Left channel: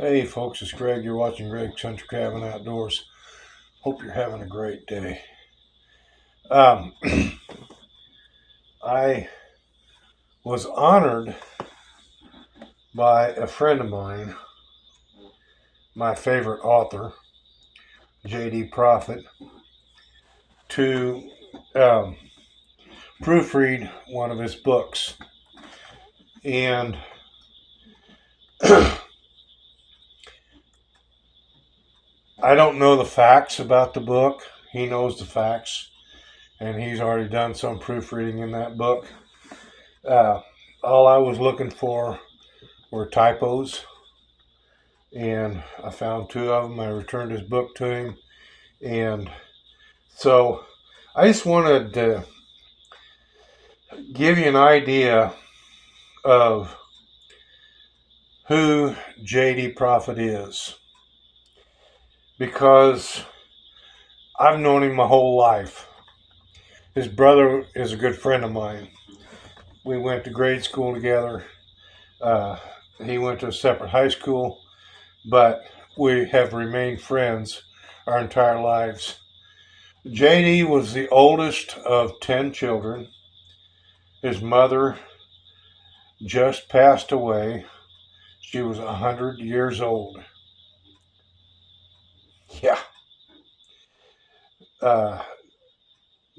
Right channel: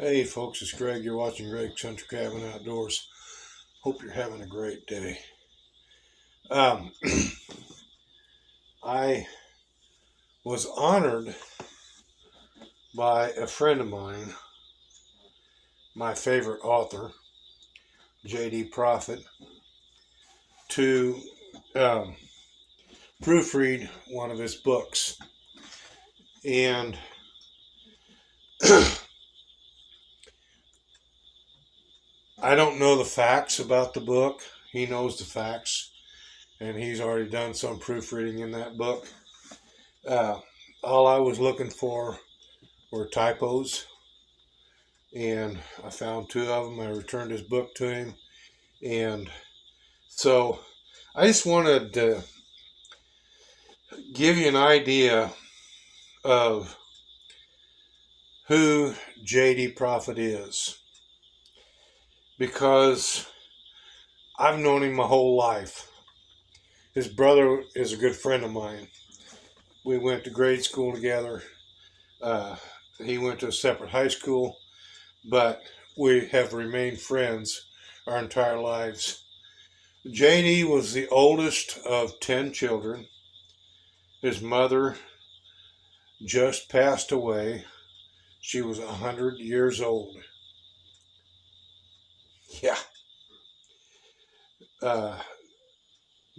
Hey folks, it's Greg. You're watching Greg's Country Cabin Outdoors. Hope you're having a great day. Um, I was honored by a friend of mine, my favorite author, J.D. Proffitt, to um, proofread one of his books. And I don't know the facts about the book. He knows the facts, and he's already done some proofreading in that book. All I was looking for were typos, and I found two of them. I returned his book to him, and so I just wanted to give you an idea of who J.D. Proffitt is, because I've known him my whole life. His brother is a good friend of mine. We went to grade school together. He went to a separate high school, but we have remained friends our entire lives. JD was the oldest of 10 children. His mother just passed away. She was 100 years old. Yeah.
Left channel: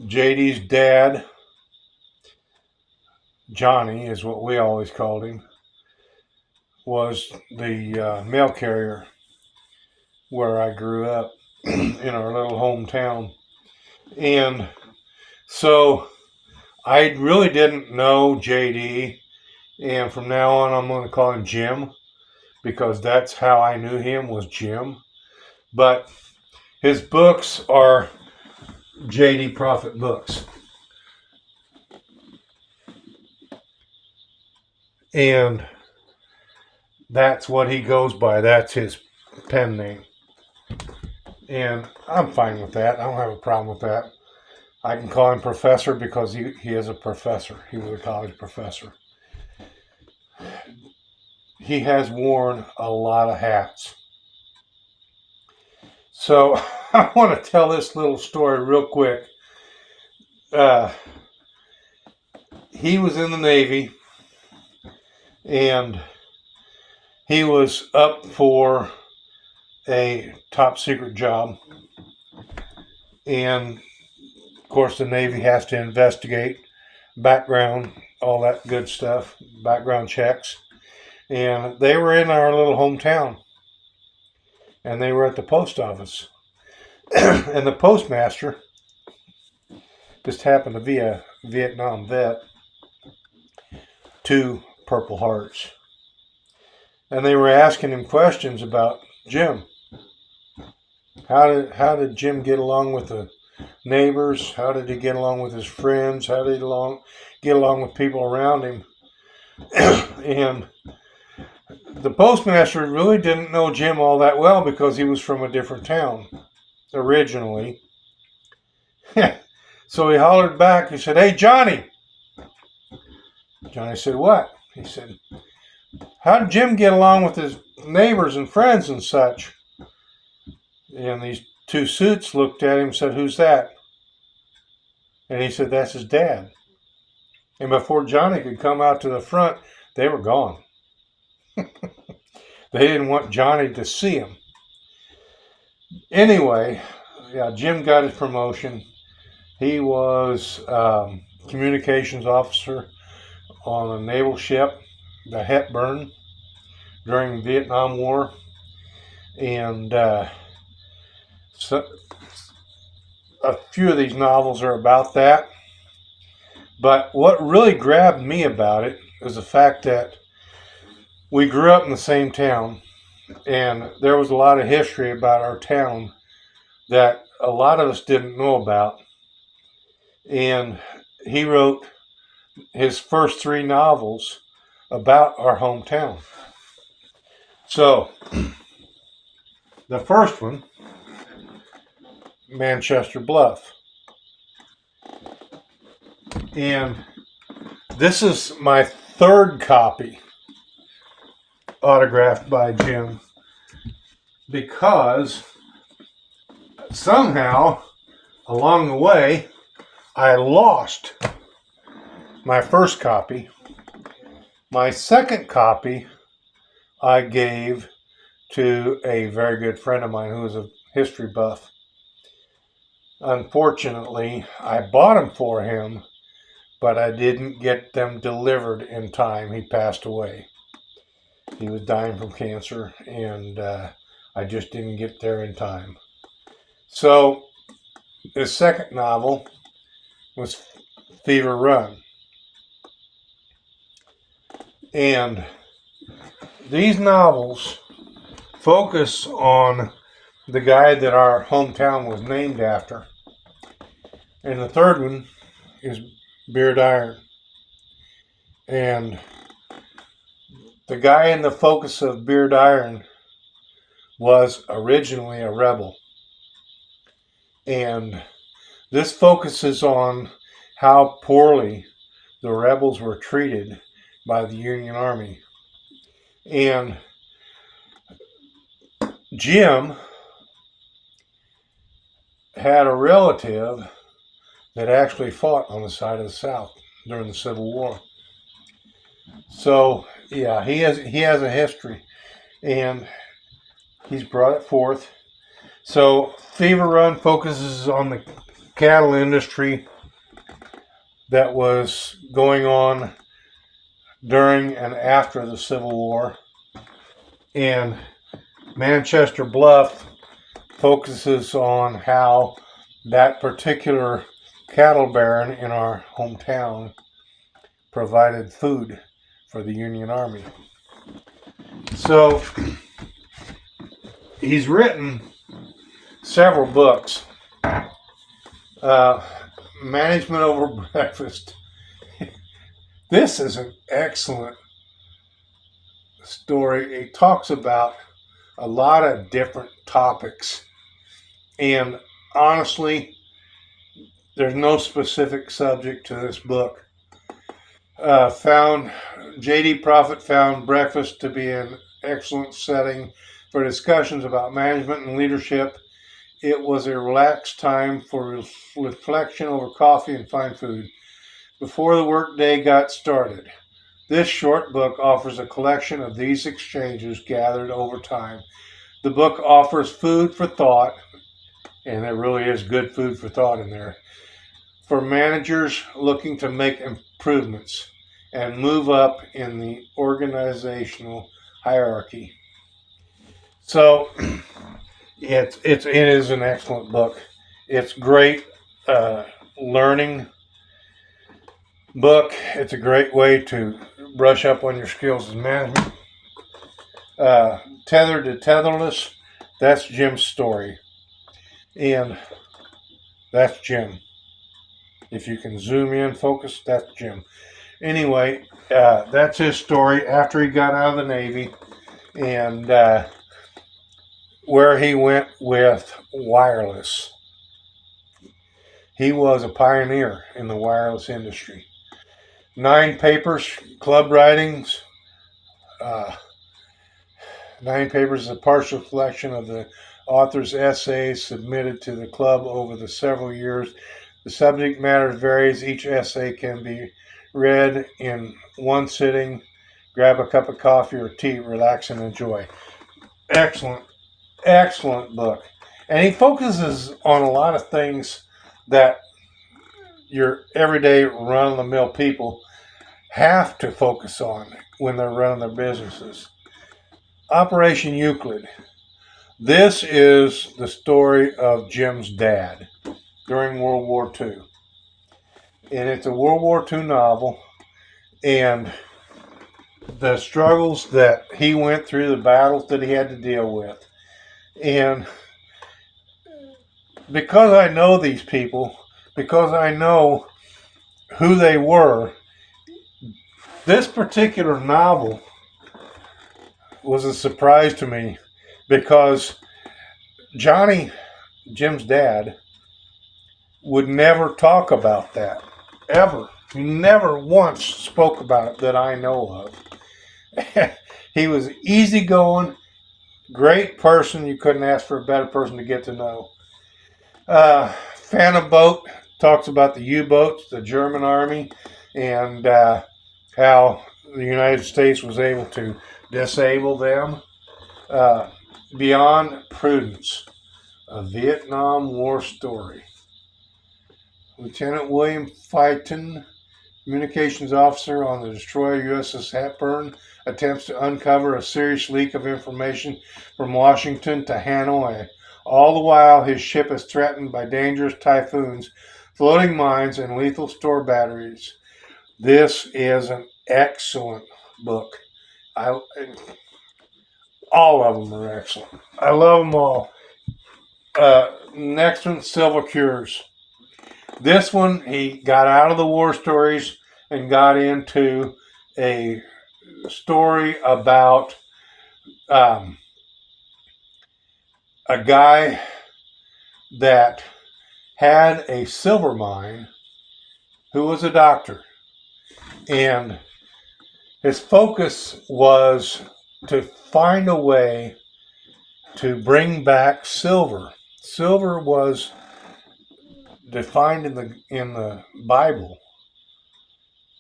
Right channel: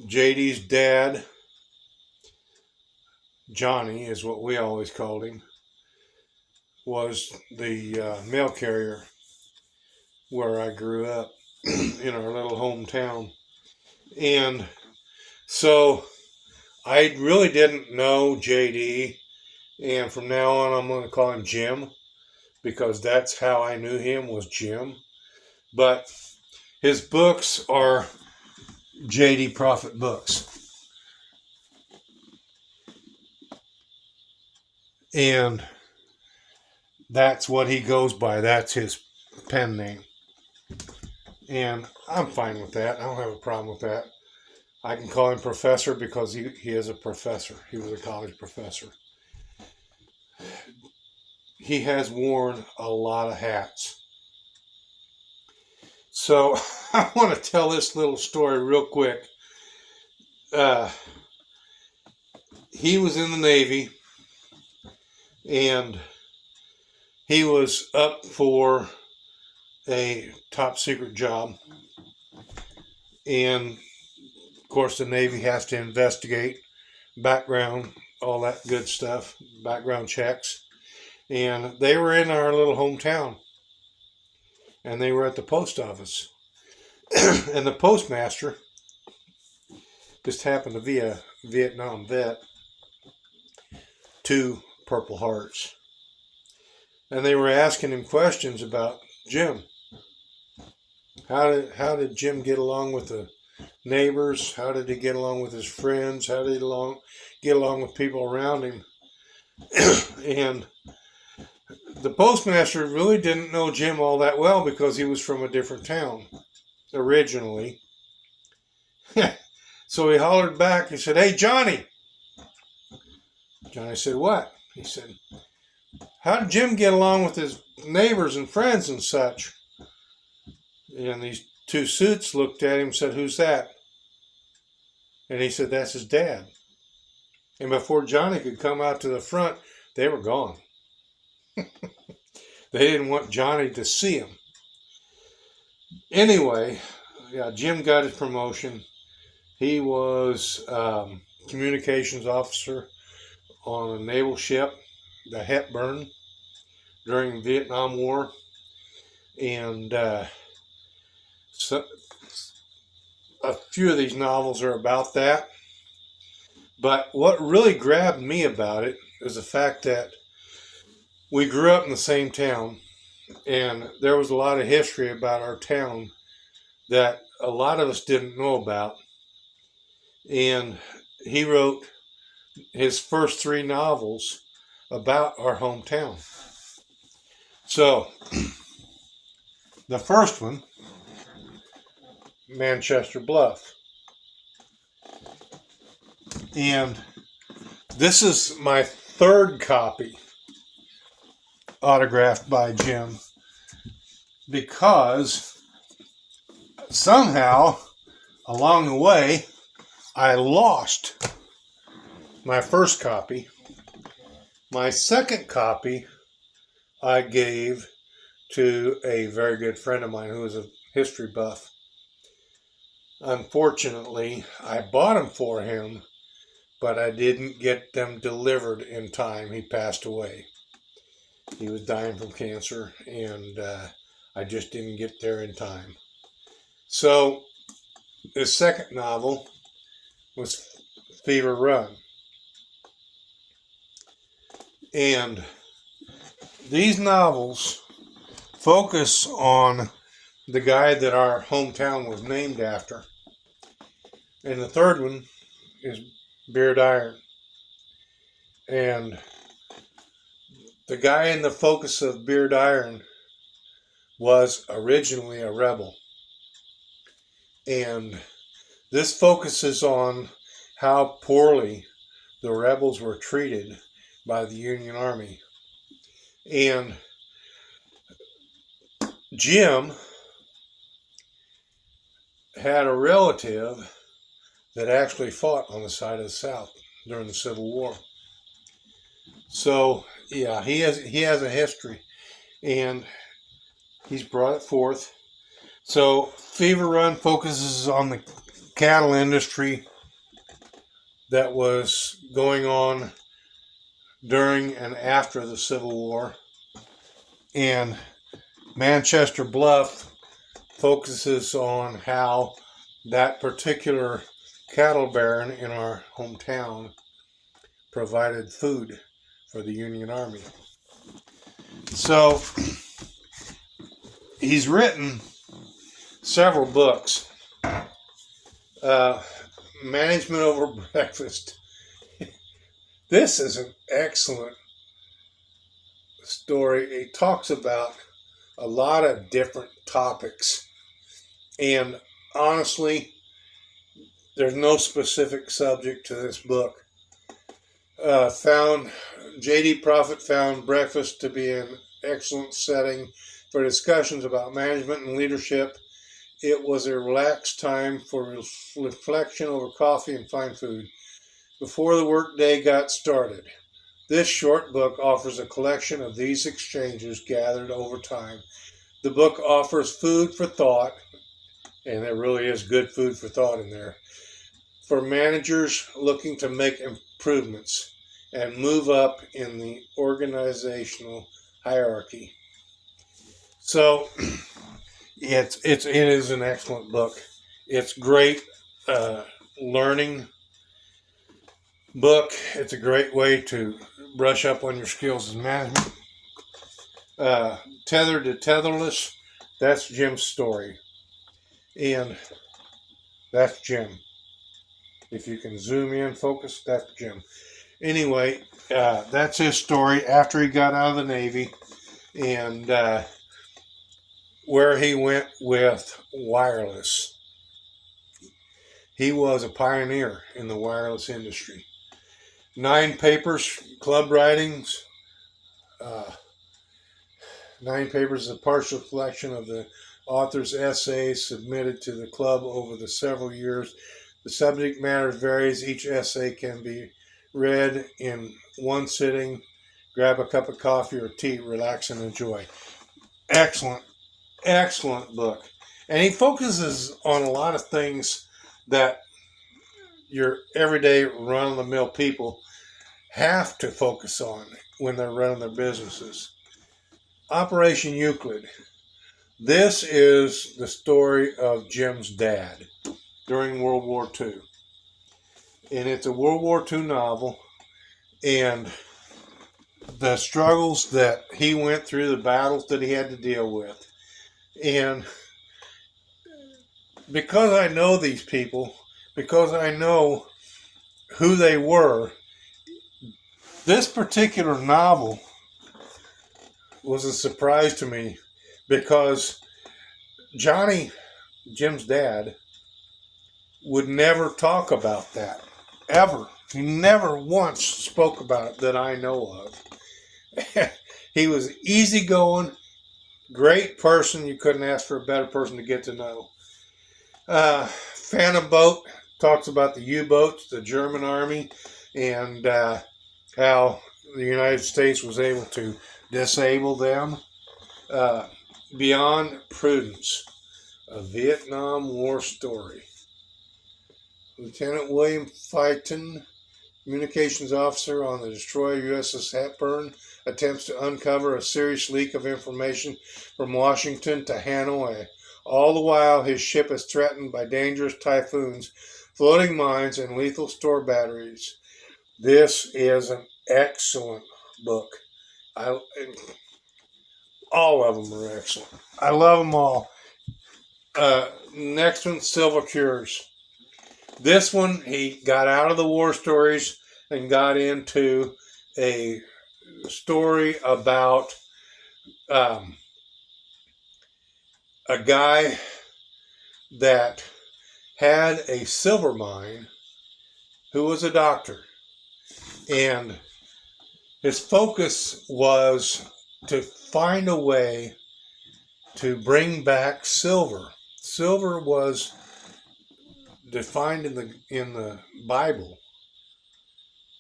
JD's dad, Johnny is what we always called him, was the mail carrier where I grew up in our little hometown. And so I really didn't know JD, and from now on I'm going to call him Jim, because that's how I knew him, was Jim. But his books are J.D. Proffitt books. And that's what he goes by. That's his pen name. And I'm fine with that. I don't have a problem with that. I can call him Professor because he is a professor. He was a college professor. He has worn a lot of hats. So I want to tell this little story real quick. He was in the Navy, and he was up for a top secret job. And of course, the Navy has to investigate background, all that good stuff, background checks. And they were in our little hometown, and they were at the post office. And the postmaster just happened to be a Vietnam vet, 2 Purple Hearts. And they were asking him questions about Jim. How did Jim get along with the neighbors? How did he get along with his friends? How did he get along with people around him? And the postmaster really didn't know Jim all that well because he was from a different town originally. So he hollered back. He said, "Hey, Johnny." Johnny said, "What?" He said, "How did Jim get along with his neighbors and friends and such?" And these 2 suits looked at him and said, "Who's that?" And he said, "That's his dad." And before Johnny could come out to the front, they were gone. They didn't want Johnny to see him. Anyway, yeah, Jim got his promotion. He was communications officer on a naval ship, the Hepburn, during the Vietnam War. And so a few of these novels are about that. But what really grabbed me about it is the fact that we grew up in the same town, and there was a lot of history about our town that a lot of us didn't know about. And he wrote his first 3 novels about our hometown. So, the first one, Manchester Bluff. And this is my 3rd copy, autographed by Jim. because somehow along the way I lost my first copy. My second copy I gave to a very good friend of mine who was a history buff. Unfortunately, I bought them for him, but I didn't get them delivered in time. He passed away. He was dying from cancer, and I just didn't get there in time. So his second novel was Fever Run. And these novels focus on the guy that our hometown was named after. And the third one is Beard Iron. And the guy in the focus of Beard Iron was originally a rebel. And this focuses on how poorly the rebels were treated by the Union Army. And Jim had a relative that actually fought on the side of the South during the Civil War. So yeah, he has a history, and he's brought it forth. So Fever Run focuses on the cattle industry that was going on during and after the Civil War. And Manchester Bluff focuses on how that particular cattle baron in our hometown provided food for the Union Army. So he's written several books. Management Over Breakfast. This is an excellent story. It talks about a lot of different topics, and honestly, there's no specific subject to this book. J.D. Proffitt found breakfast to be an excellent setting for discussions about management and leadership. It was a relaxed time for reflection over coffee and fine food before the workday got started. This short book offers a collection of these exchanges gathered over time. The book offers food for thought, and there really is good food for thought in there, for managers looking to make improvements and move up in the organizational hierarchy. So it is an excellent book. It's great learning book. It's a great way to brush up on your skills as management. Tethered to Tetherless, that's Jim's story. And that's Jim. If you can zoom in, focus, that's Jim. Anyway, that's his story after he got out of the Navy, and where he went with wireless. He was a pioneer in the wireless industry. 9 papers, club writings. 9 papers is a partial collection of the author's essays submitted to the club over the several years. The subject matter varies. Each essay can be read in one sitting. Grab a cup of coffee or tea, relax and enjoy. Excellent, excellent book. And he focuses on a lot of things that your everyday run-of-the-mill people have to focus on when they're running their businesses. Operation Euclid. This is the story of Jim's dad during World War II. And it's a World War II novel, and the struggles that he went through, the battles that he had to deal with. And because I know these people, because I know who they were, this particular novel was a surprise to me, because Johnny, Jim's dad, would never talk about that, ever. He never once spoke about it that I know of. He was easygoing, great person. You couldn't ask for a better person to get to know. Phantom Boat talks about the U-boats, the German army, and how the United States was able to disable them. Uh, Beyond Prudence, a Vietnam War story. Lieutenant William Fighton, communications officer on the destroyer USS Hepburn, attempts to uncover a serious leak of information from Washington to Hanoi. All the while, his ship is threatened by dangerous typhoons, floating mines, and lethal store batteries. This is an excellent book. All of them are excellent. I love them all. Next one, Silver Cures. This one, he got out of the war stories and got into a story about a guy that had a silver mine who was a doctor. And his focus was to find a way to bring back silver. Silver was defined in the Bible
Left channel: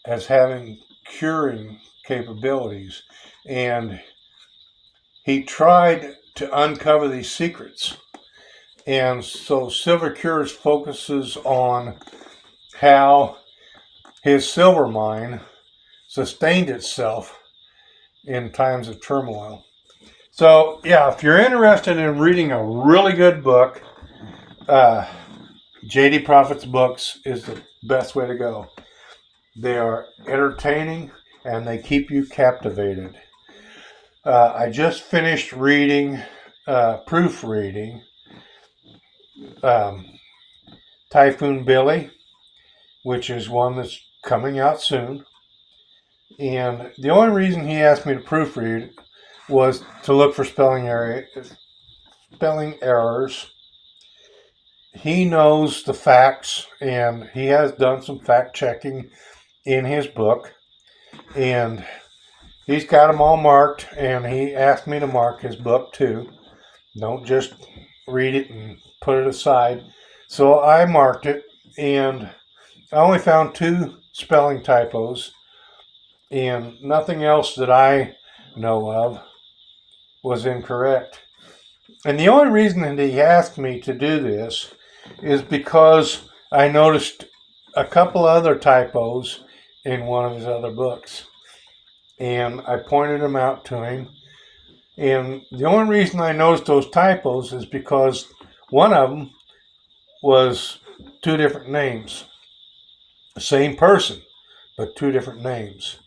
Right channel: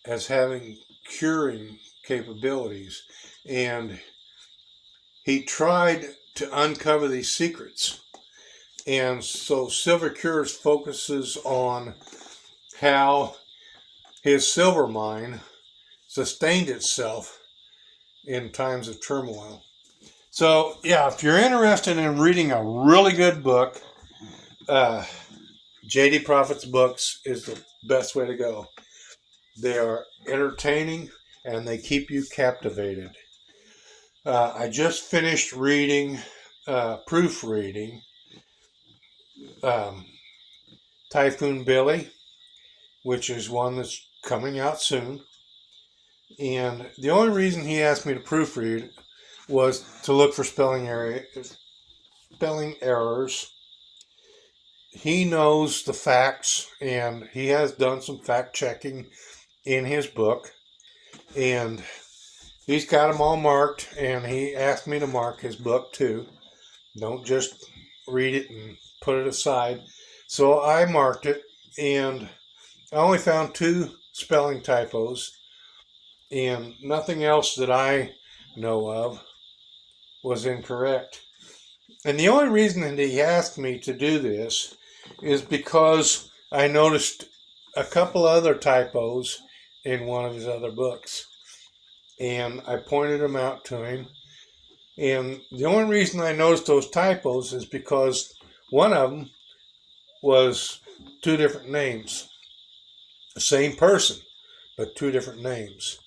as having curing capabilities, and he tried to uncover these secrets. And so Silver Cures focuses on how his silver mine sustained itself in times of turmoil. So yeah, if you're interested in reading a really good book, J.D. Proffitt's books is the best way to go. They are entertaining and they keep you captivated. I just finished proofreading Typhoon Billy, which is one that's coming out soon. And the only reason he asked me to proofread was to look for spelling errors. He knows the facts, and he has done some fact checking in his book, and he's got them all marked, and he asked me to mark his book too. Don't just read it and put it aside. So I marked it, and I only found 2 spelling typos, and nothing else that I know of was incorrect. And the only reason that he asked me to do this is because I noticed a couple other typos in one of his other books. And I pointed them out to him. And the only reason I noticed those typos is because one of them was 2 different names. The same person, but 2 different names.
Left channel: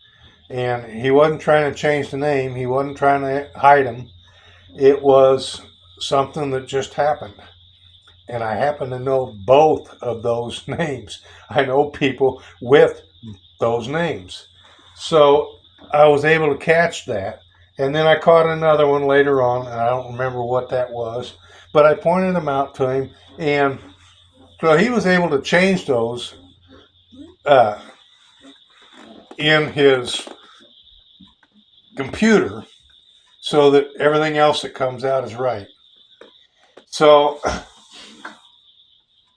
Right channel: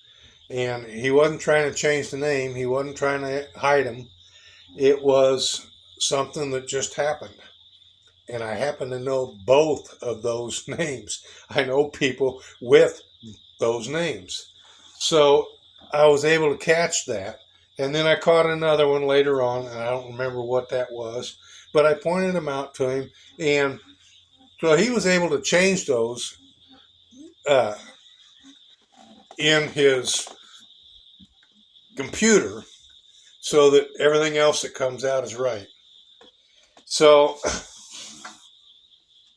And he wasn't trying to change the name. He wasn't trying to hide him. It was something that just happened. And I happen to know both of those names. I know people with those names. So I was able to catch that. And then I caught another one later on, and I don't remember what that was. But I pointed them out to him, and so he was able to change those in his computer so that everything else that comes out is right. So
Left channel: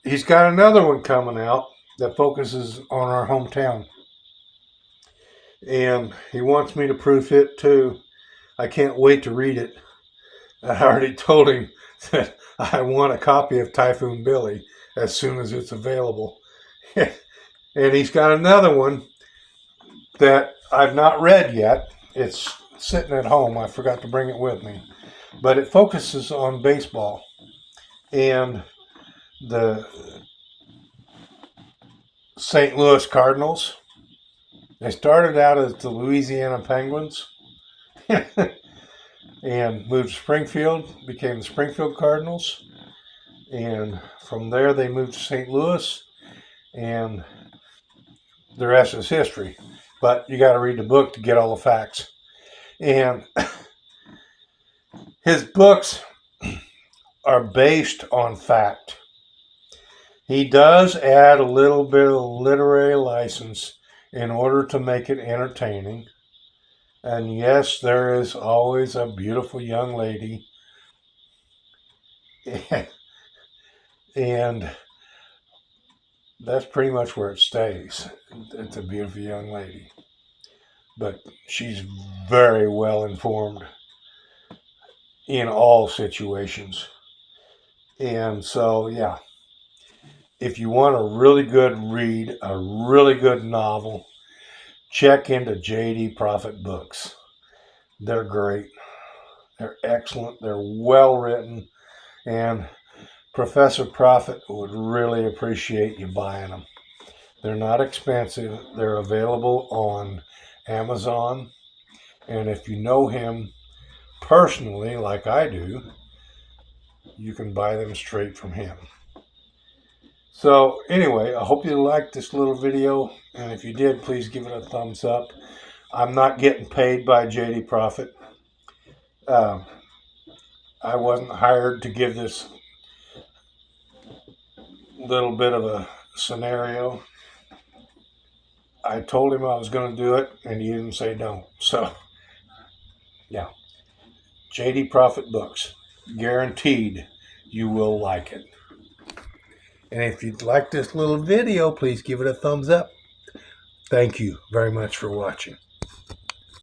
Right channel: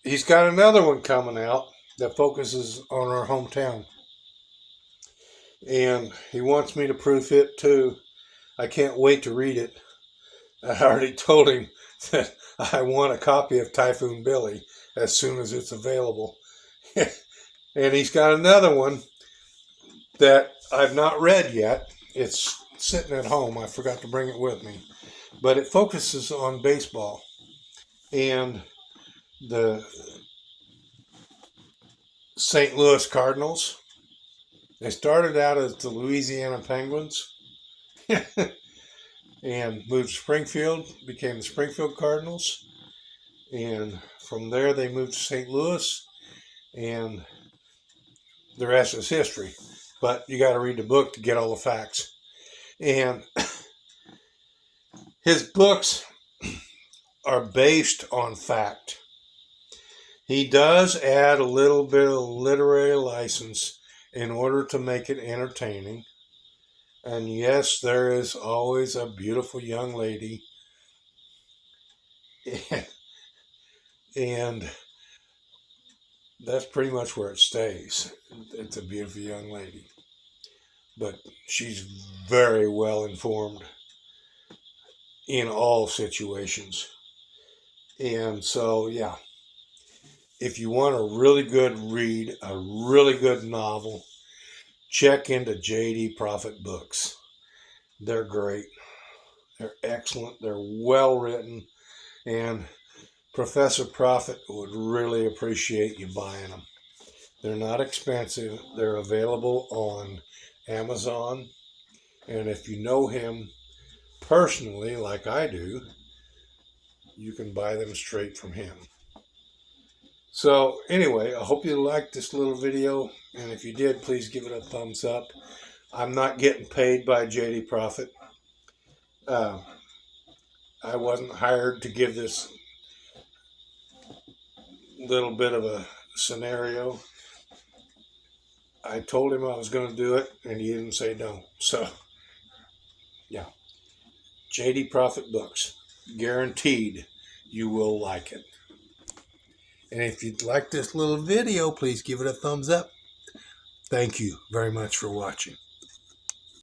he's got another one coming out that focuses on our hometown. And he wants me to proof it too. I can't wait to read it. I already told him that I want a copy of Typhoon Billy as soon as it's available. And he's got another one that I've not read yet. It's sitting at home. I forgot to bring it with me. But it focuses on baseball. And the St. Louis Cardinals. They started out as the Louisiana Penguins and moved to Springfield, became the Springfield Cardinals. And from there, they moved to St. Louis, and the rest is history. But you got to read the book to get all the facts. And his books are based on fact. He does add a little bit of literary license in order to make it entertaining. And yes, there is always a beautiful young lady And that's pretty much where it stays. It's a beautiful young lady. But she's very well informed in all situations. And so, yeah, if you want a really good read, a really good novel, check into J.D. Proffitt books. They're great. They're excellent. They're well written. And Professor Proffitt would really appreciate you buying them. They're not expensive. They're available on Amazon. And if you know him personally, like I do, you can buy them straight from him. So anyway, I hope you liked this little video. And if you did, please give it a thumbs up. I'm not getting paid by J.D. Proffitt. I wasn't hired to give this little bit of a scenario. I told him I was going to do it, and he didn't say don't. So, yeah. J.D. Proffitt books. Guaranteed you will like it. And if you'd like this little video, please give it a thumbs up. Thank you very much for watching.